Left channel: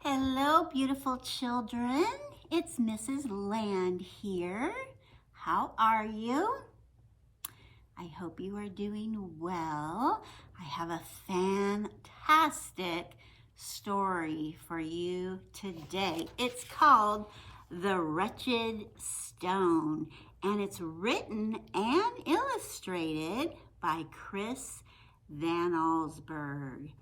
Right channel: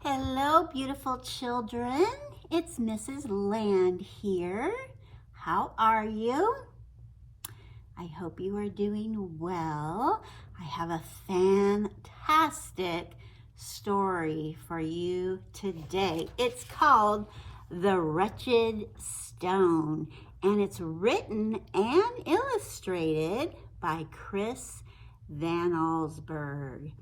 Hello, beautiful children. It's Mrs. Land here. How are you? I hope you are doing well. I have a fantastic story for you today. It's called The Wretched Stone, and it's written and illustrated by Chris Van Allsburg.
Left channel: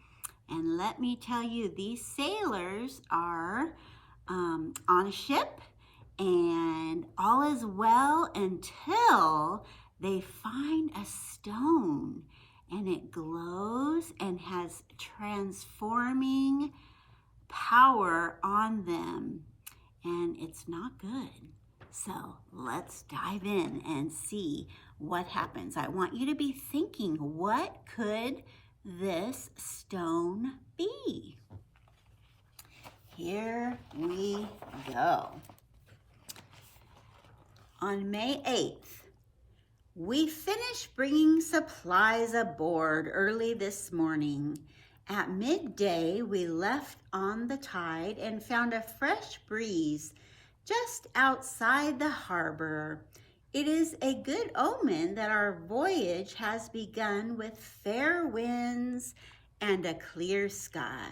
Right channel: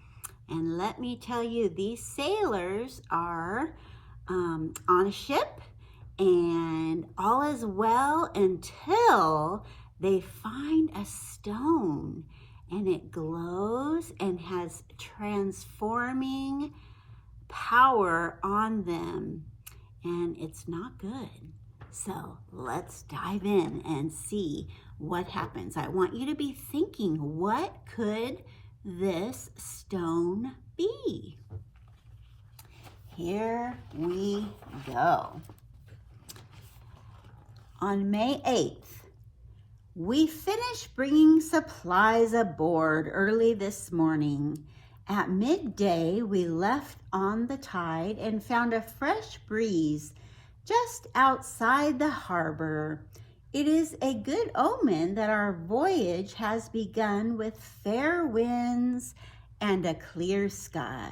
And let me tell you, these sailors are on a ship, and all is well until they find a stone, and it glows and has transforming power on them, and it's not good. So let's dive in and see what happens. I want you to be thinking, what could this stone be? Here we go. On May 8th, we finished bringing supplies aboard early this morning. At midday, we left on the tide and found a fresh breeze just outside the harbor. It is a good omen that our voyage has begun with fair winds and a clear sky.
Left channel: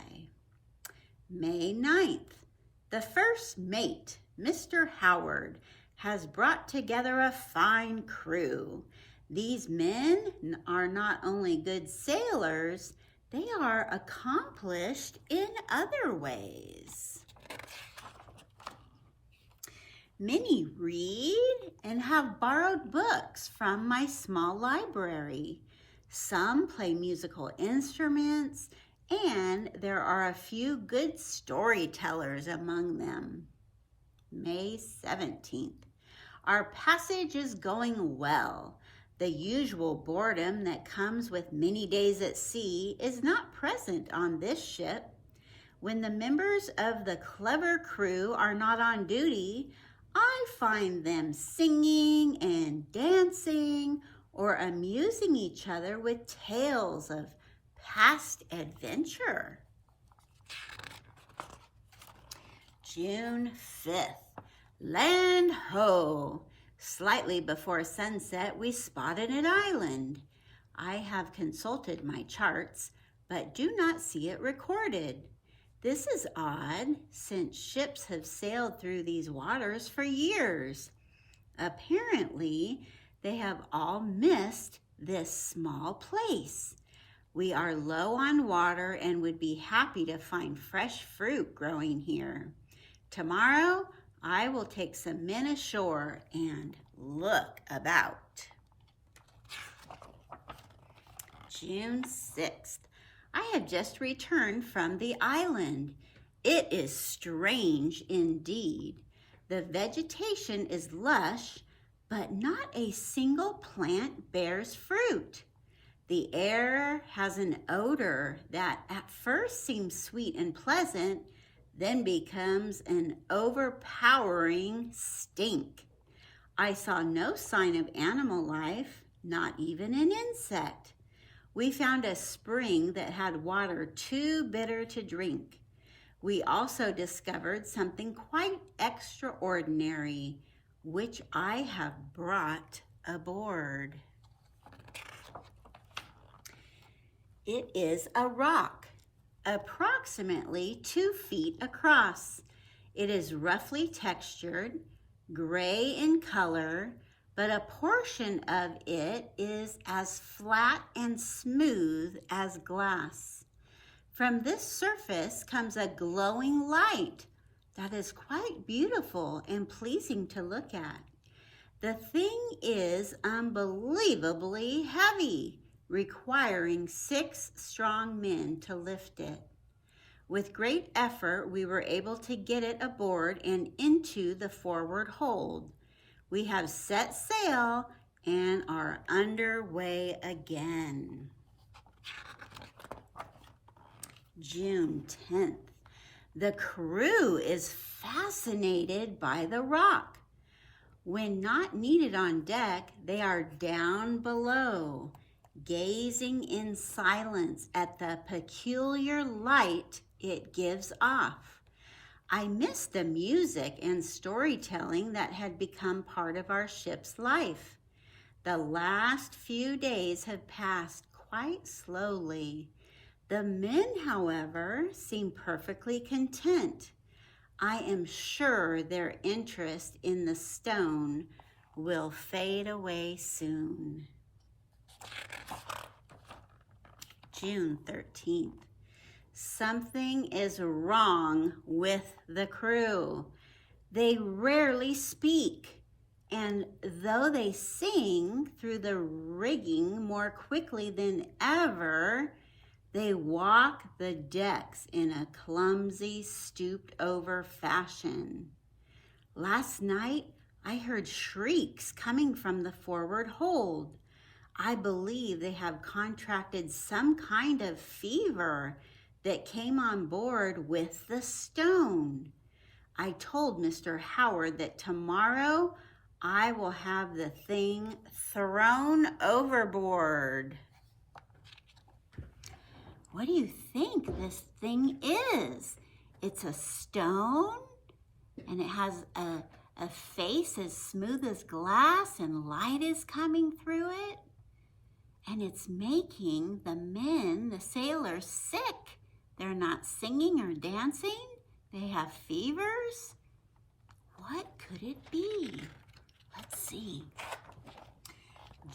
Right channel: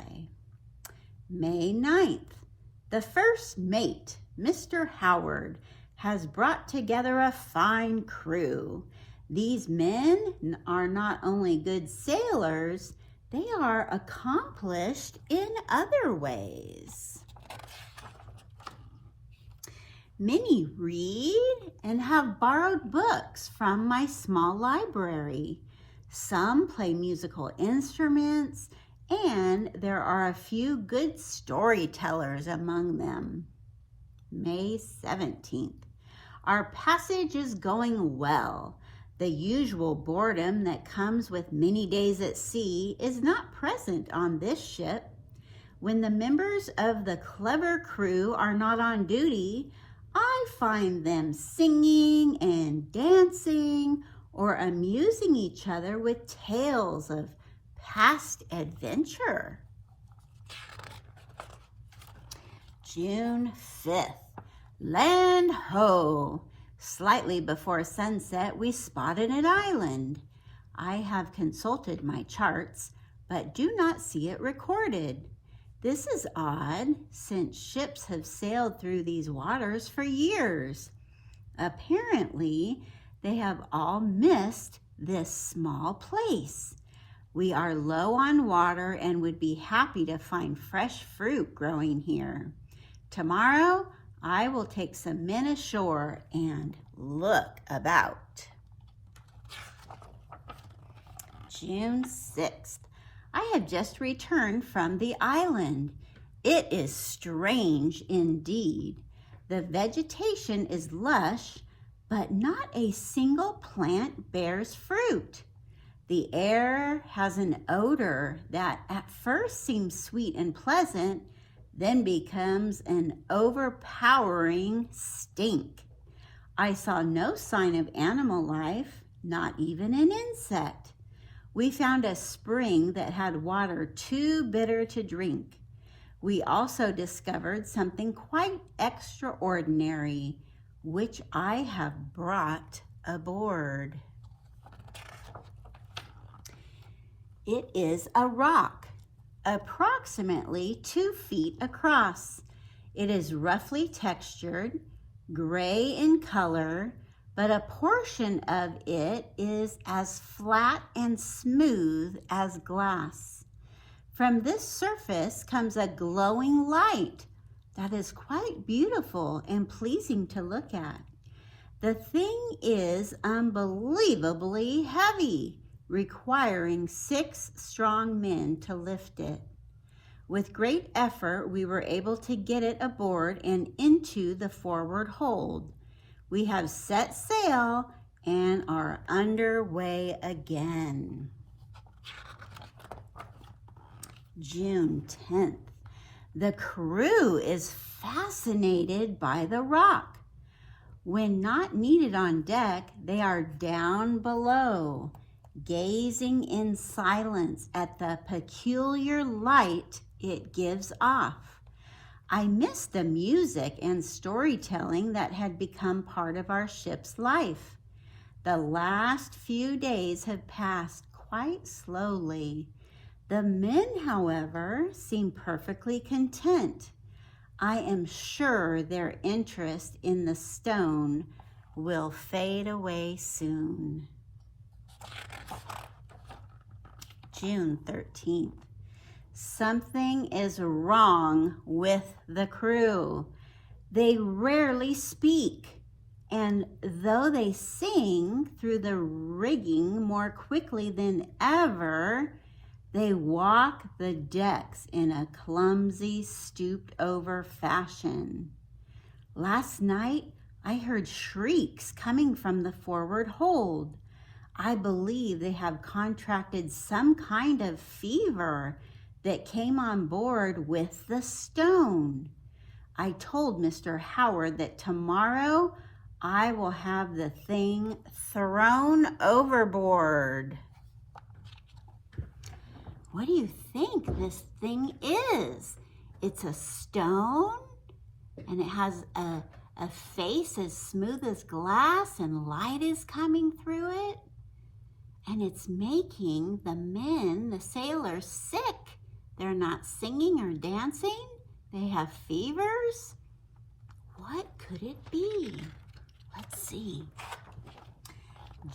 May 9th, the first mate, Mr. Howard, has brought together a fine crew. These men are not only good sailors, they are accomplished in other ways. Many read and have borrowed books from my small library. Some play musical instruments, and there are a few good storytellers among them. May 17th. Our passage is going well. The usual boredom that comes with many days at sea is not present on this ship. When the members of the clever crew are not on duty, I find them singing and dancing or amusing each other with tales of past adventure. June 5th. Land ho! Slightly before sunset, we spotted an island. I have consulted my charts, but do not see it recorded. This is odd, since ships have sailed through these waters for years. Apparently, they have all missed this small place. We are low on water and would be happy to find fresh fruit growing here. Tomorrow, I will take some men ashore and look about. June 6th. I have just returned from the island. It is strange indeed. The vegetation is lush, but not a single plant bears fruit. The air has an odor that at first seems sweet and pleasant, then becomes an overpowering stink. I saw no sign of animal life, not even an insect. We found a spring that had water too bitter to drink. We also discovered something quite extraordinary, which I have brought aboard. It is a rock, approximately 2 feet across. It is roughly textured, gray in color, but a portion of it is as flat and smooth as glass. From this surface comes a glowing light that is quite beautiful and pleasing to look at. The thing is unbelievably heavy, requiring 6 strong men to lift it. With great effort, we were able to get it aboard and into the forward hold. We have set sail and are underway again. June 10th. The crew is fascinated by the rock. When not needed on deck, they are down below, gazing in silence at the peculiar light it gives off. I missed the music and storytelling that had become part of our ship's life. The last few days had passed quite slowly. The men, however, seemed perfectly content. I am sure their interest in the stone will fade away soon. June 13th. Something is wrong with the crew. They rarely speak, and though they sing through the rigging more quickly than ever, they walk the decks in a clumsy, stooped-over fashion. Last night, I heard shrieks coming from the forward hold. I believe they have contracted some kind of fever that came on board with the stone. I told Mr. Howard that tomorrow I will have the thing thrown overboard. What do you think this thing is? It's a stone, and it has a face as smooth as glass, and light is coming through it. And it's making the men, the sailors, sick. They're not singing or dancing. They have fevers. What could it be? Let's see.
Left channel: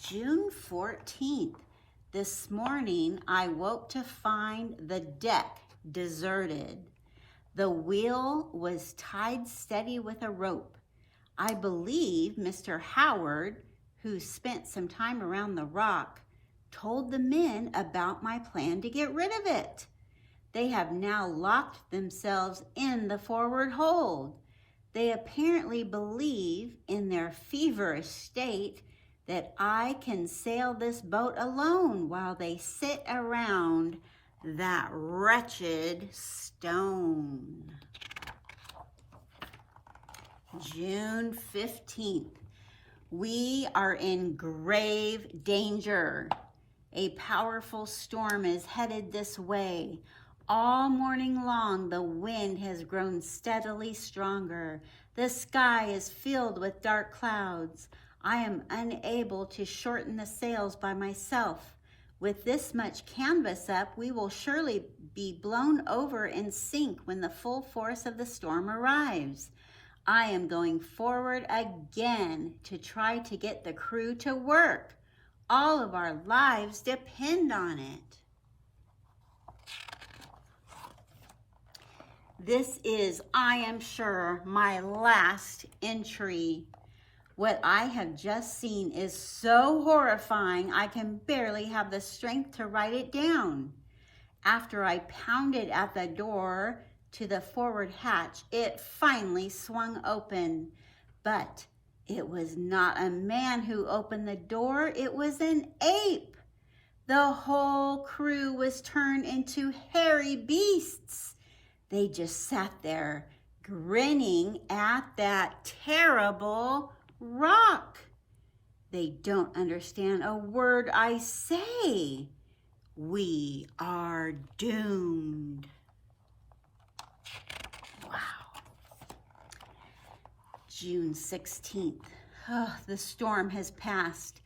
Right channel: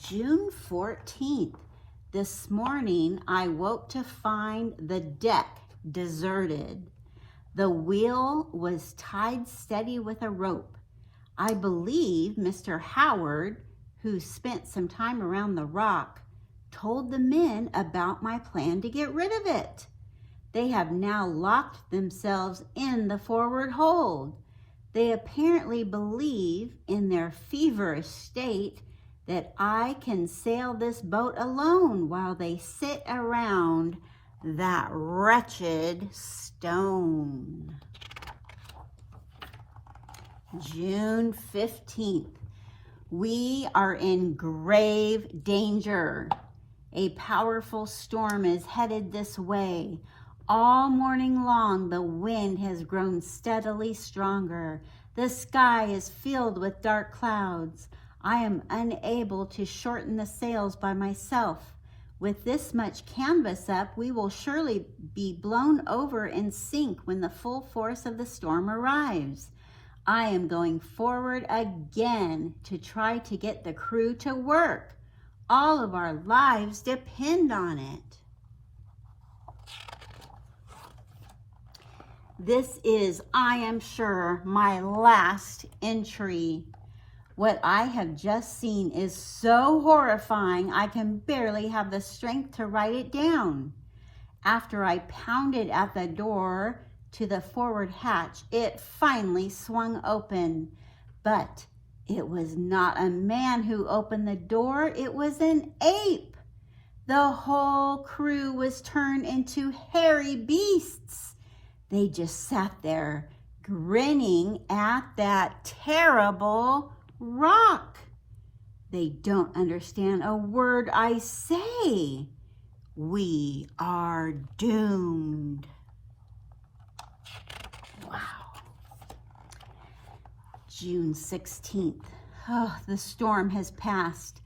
June 14th. This morning, I woke to find the deck deserted. The wheel was tied steady with a rope. I believe Mr. Howard, who spent some time around the rock, told the men about my plan to get rid of it. They have now locked themselves in the forward hold. They apparently believe in their feverish state that I can sail this boat alone while they sit around that wretched stone. June 15th. We are in grave danger. A powerful storm is headed this way. All morning long, the wind has grown steadily stronger. The sky is filled with dark clouds. I am unable to shorten the sails by myself. With this much canvas up, we will surely be blown over and sink when the full force of the storm arrives. I am going forward again to try to get the crew to work. All of our lives depend on it. This is, I am sure, my last entry. What I have just seen is so horrifying, I can barely have the strength to write it down. After I pounded at the door to the forward hatch, it finally swung open. But it was not a man who opened the door, it was an ape. The whole crew was turned into hairy beasts. They just sat there, grinning at that terrible rock. They don't understand a word I say. We are doomed. Wow. June 16th. Oh, the storm has passed.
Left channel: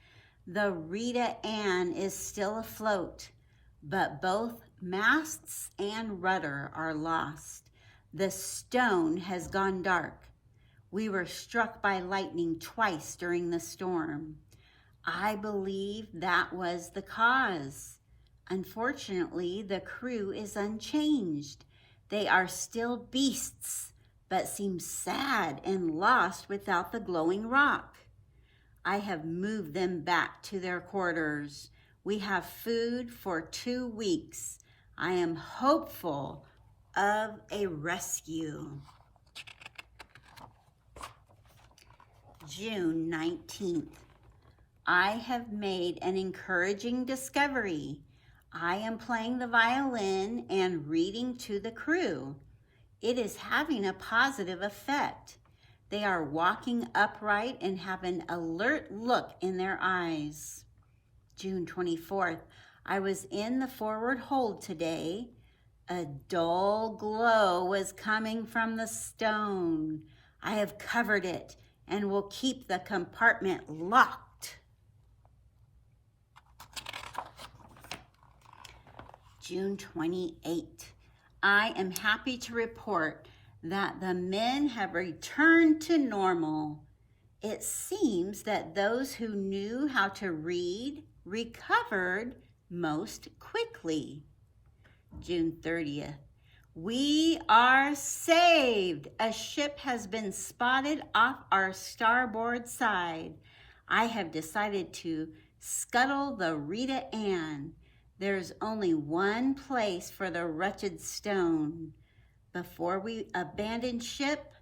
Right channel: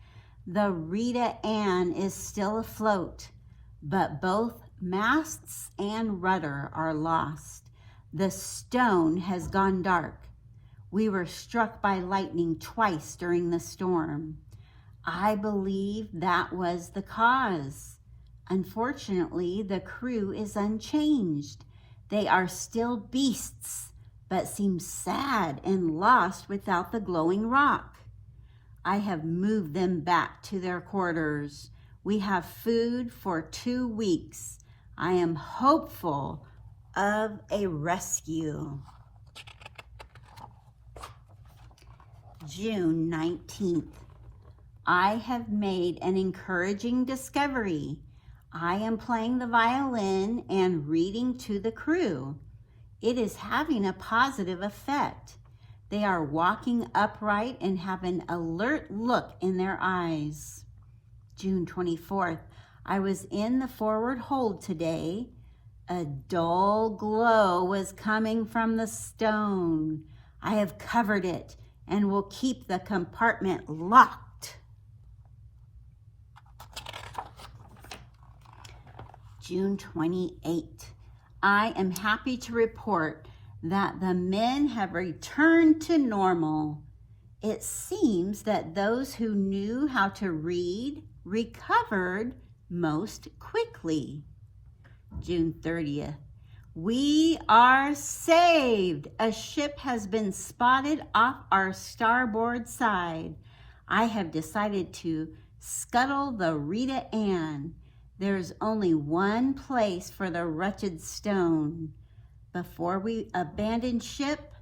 The Rita Ann is still afloat, but both masts and rudder are lost. The stone has gone dark. We were struck by lightning twice during the storm. I believe that was the cause. Unfortunately, the crew is unchanged. They are still beasts, but seem sad and lost without the glowing rock. I have moved them back to their quarters. We have food for 2 weeks. I am hopeful of a rescue. June 19th. I have made an encouraging discovery. I am playing the violin and reading to the crew. It is having a positive effect. They are walking upright and have an alert look in their eyes. June 24th. I was in the forward hold today. A dull glow was coming from the stone. I have covered it and will keep the compartment locked. June 28. I am happy to report that the men have returned to normal. It seems that those who knew how to read recovered most quickly. June 30th. We are saved. A ship has been spotted off our starboard side. I have decided to scuttle the Rita Ann. There's only one place for the Wretched Stone. Before we abandon ship,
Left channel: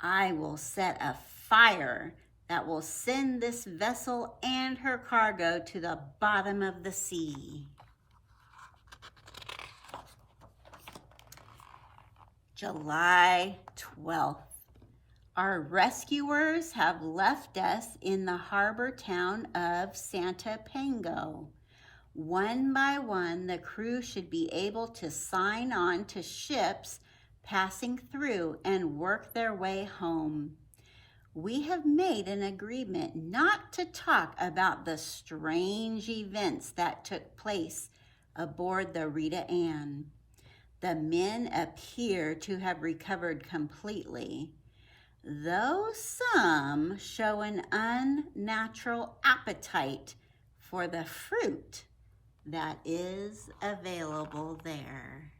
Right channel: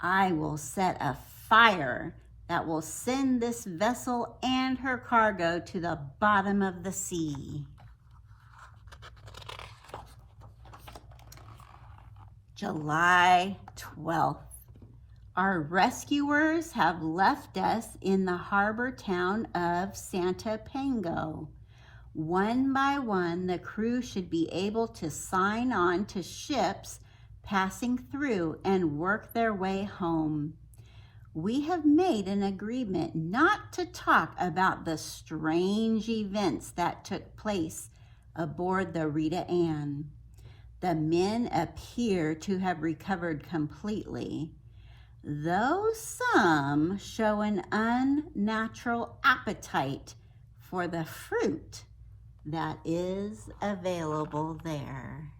I will set a fire that will send this vessel and her cargo to the bottom of the sea. July 12th. Our rescuers have left us in the harbor town of Santa Pango. One by one, the crew should be able to sign on to ships passing through and work their way home. We have made an agreement not to talk about the strange events that took place aboard the Rita Ann. The men appear to have recovered completely, though some show an unnatural appetite for the fruit that is available there.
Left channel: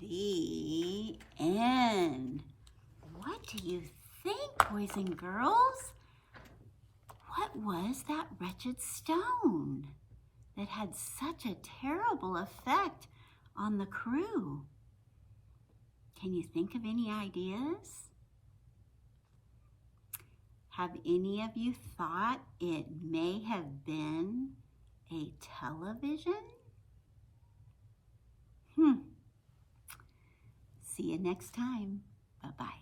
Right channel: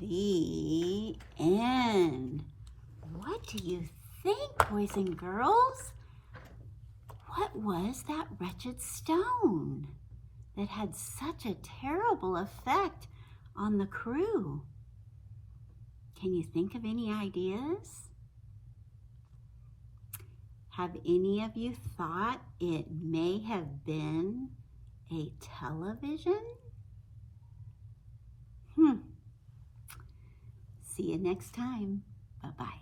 The end. What do you think, boys and girls? What was that wretched stone that had such a terrible effect on the crew? Can you think of any ideas? Have any of you thought it may have been a television? See you next time. Bye-bye.